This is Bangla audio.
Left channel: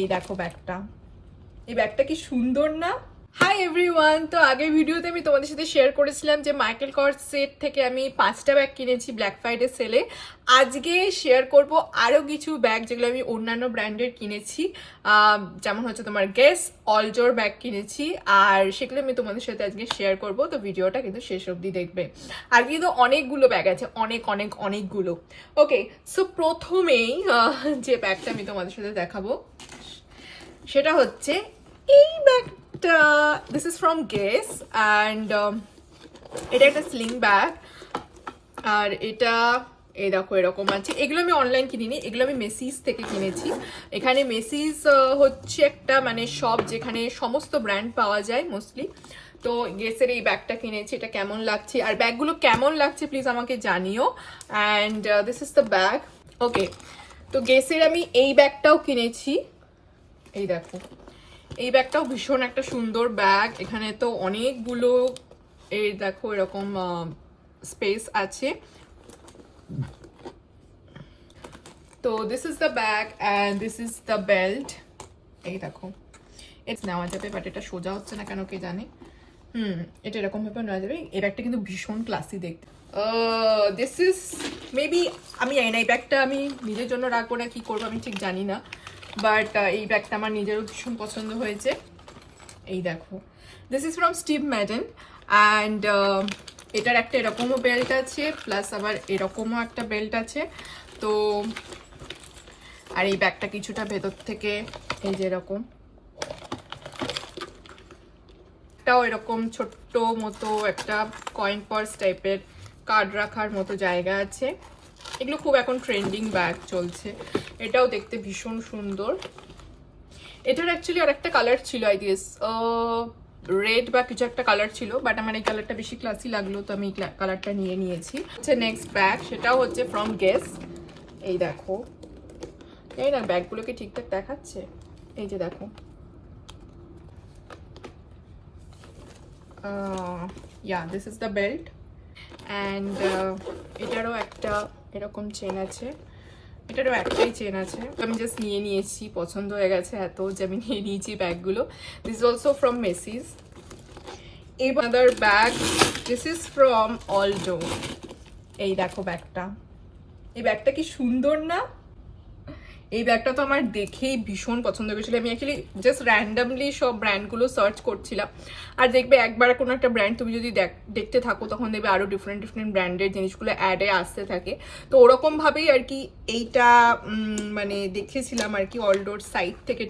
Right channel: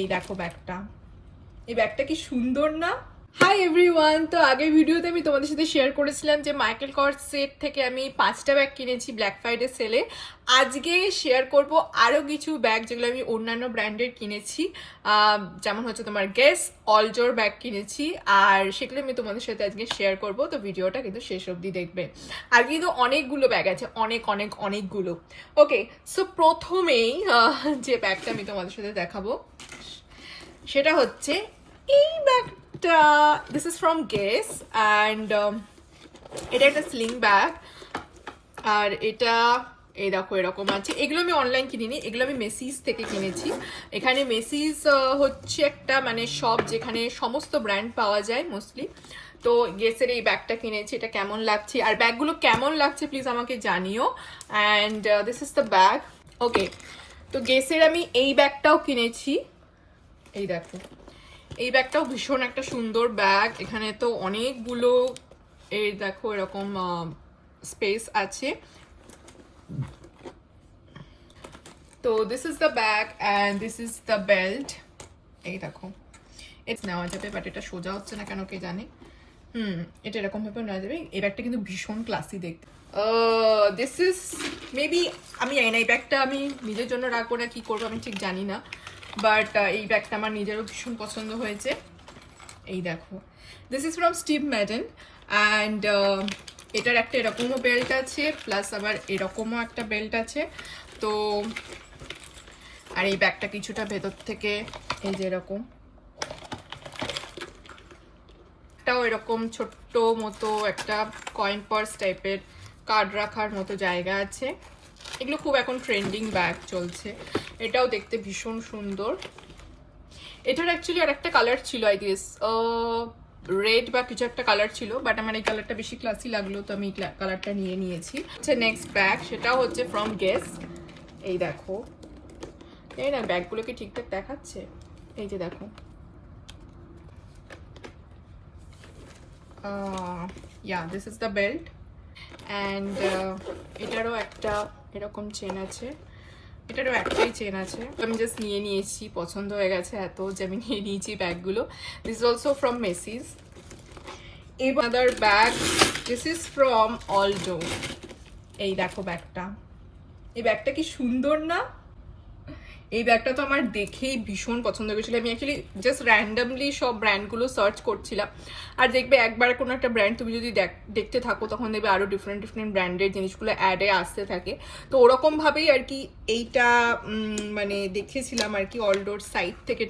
এই দেখো ব্যাগটা, এই ব্যাগটা কি সুন্দর না? হাই এভরিওয়ান, তো আগের ভিডিওতে আমি তোমাদের সাথে শেয়ার করেছিলাম যে মাইকেল কর্স সেট থেকে আমি 5টা ব্যাগ কিনেছি ব্ল্যাক ফ্রাইডে সেলে। আজকে শেয়ার করব আরও কিছু ব্যাগ যেগুলো আমি অন্যান্য ব্র্যান্ডের কিনেছি, যেমন হচ্ছে তোমার গেস, অলজোর ব্যাগ কিনেছি, আর সেগুলো আমি তোমাদের সাথে আজকে শেয়ার করব। তো ভিডিওটা কিন্তু শেষ অবধি দেখবে। আর কিন্তু অনেকগুলো ব্যাগ আছে, অনেকগুলো। ওকে, সো প্রথমেই যে ব্যাগটা আমি তোমাদের সাথে দেখাবো সেটা হচ্ছে এই ব্যাগটা। This is from guess and এটা একটা স্লিং ব্যাগ। আর এটা এই দেখো এরকম আছে। এগুলো আমি অনলাইন কিনিনি, এগুলো আমি মেসিস থেকে কিনেছি। এখানে মেসিস হচ্ছে একটা মানে শপ যেখানে সমস্ত ব্র্যান্ড পাওয়া যায় মোস্টলি। তো গেসের এই ব্যাগটা কিনেছি। এটা কেমন লাগছে আর ব্যাগগুলো কেমন লাগছে প্লিজ আমাকে জানিও। And this is the bag. Okay, তো গেসের আমি এই ব্যাগটাও কিনেছি। এই দেখো, এই ব্যাগটাও ভীষণ একটা সুন্দর ব্যাগ। এখানে তো অনেকগুলো এই দেখো এরকম স্পেস আছে। তো this is the bag and this is the belt. এই দেখো, এটা নেওয়া যাবে বাট এটা সোজা হচ্ছে না কেন কে জানে। এটা এরকম ভাবে নেওয়া যাবে। এই ব্যাগটা কিন্তু ভীষণ ক্লাসি দেখতে। দিস ইজ মেবি, আমি জানি না এই ব্যাগটা আমি নিজের জন্য রাখবো না কি করবো আমি ঠিক জানি না, বাট এই ব্যাগটা আমার নিজেরও ভীষণ পছন্দ হয়েছে। এই দেখো, this is from Steve maiden and এটার একটা এরকমও বেল্ট আছে, প্লাস আবার এরকমও একটা বেল্ট আছে। তো আর এই ব্যাগটা কিছুটা ভেতর থেকে এই যে এরকম একটাও এরকম ছোট্ট মতো একটা কয়েন পার্স টাইপের কার্ড রাখার মতো জায়গা আছে। এগুলো খুব এখন ট্রেন্ডিং ব্যাগ চলছে। এটাও দেখতে ভীষণ সুন্দর। এটার অ্যাকচুয়ালি আর একটা কালার ছিল, আই গেস রেড বা কিছু একটা কালার ছিল, বাট আমার এই কালারটা বেশি ক্লাসি লাগলো তো আমি কালারটা নিয়ে নিয়েছি। নেক্সট ব্যাগ, সেটাও হচ্ছে ফ্রম গেস। এই দেখো, এই না ব্যাগগুলোকে ঠিকঠাক দেখাচ্ছে। এই যে দেখো, yeah this is the belt and এটারও একটা এরকম চেন আছে। এটারও একটাই চেন আছে। আমি জাস্ট নিয়ে নিয়েছি, পছন্দ হয়ে গেছে এত যে আমি নিয়ে নিয়েছি ব্যাগগুলো। This is also from Macy's. Other bag, this is from Aldo. এই দেখো ব্যাগটা, এই ব্যাগটা কি সুন্দর না? এই ব্যাগটা তো আমার দেখেই ভীষণ পছন্দ হয়েছিল। আমি অ্যাকচুয়ালি জাস্ট র্যান্ডামলি সব ব্র্যান্ডগুলো সার্চ করছিলাম। আর দেখবে একবার কোনো একটা ব্র্যান্ড তুমি যদি দেখতে থাকো তখন দেখবে আরও ডিফারেন্ট ব্র্যান্ডের জিনিসগুলো অ্যাডে আসতে থাকে। তো ওরকমভাবেই আর কি এইটা মানে দেখেছিলাম আর কি অলডোর সাইট থেকে।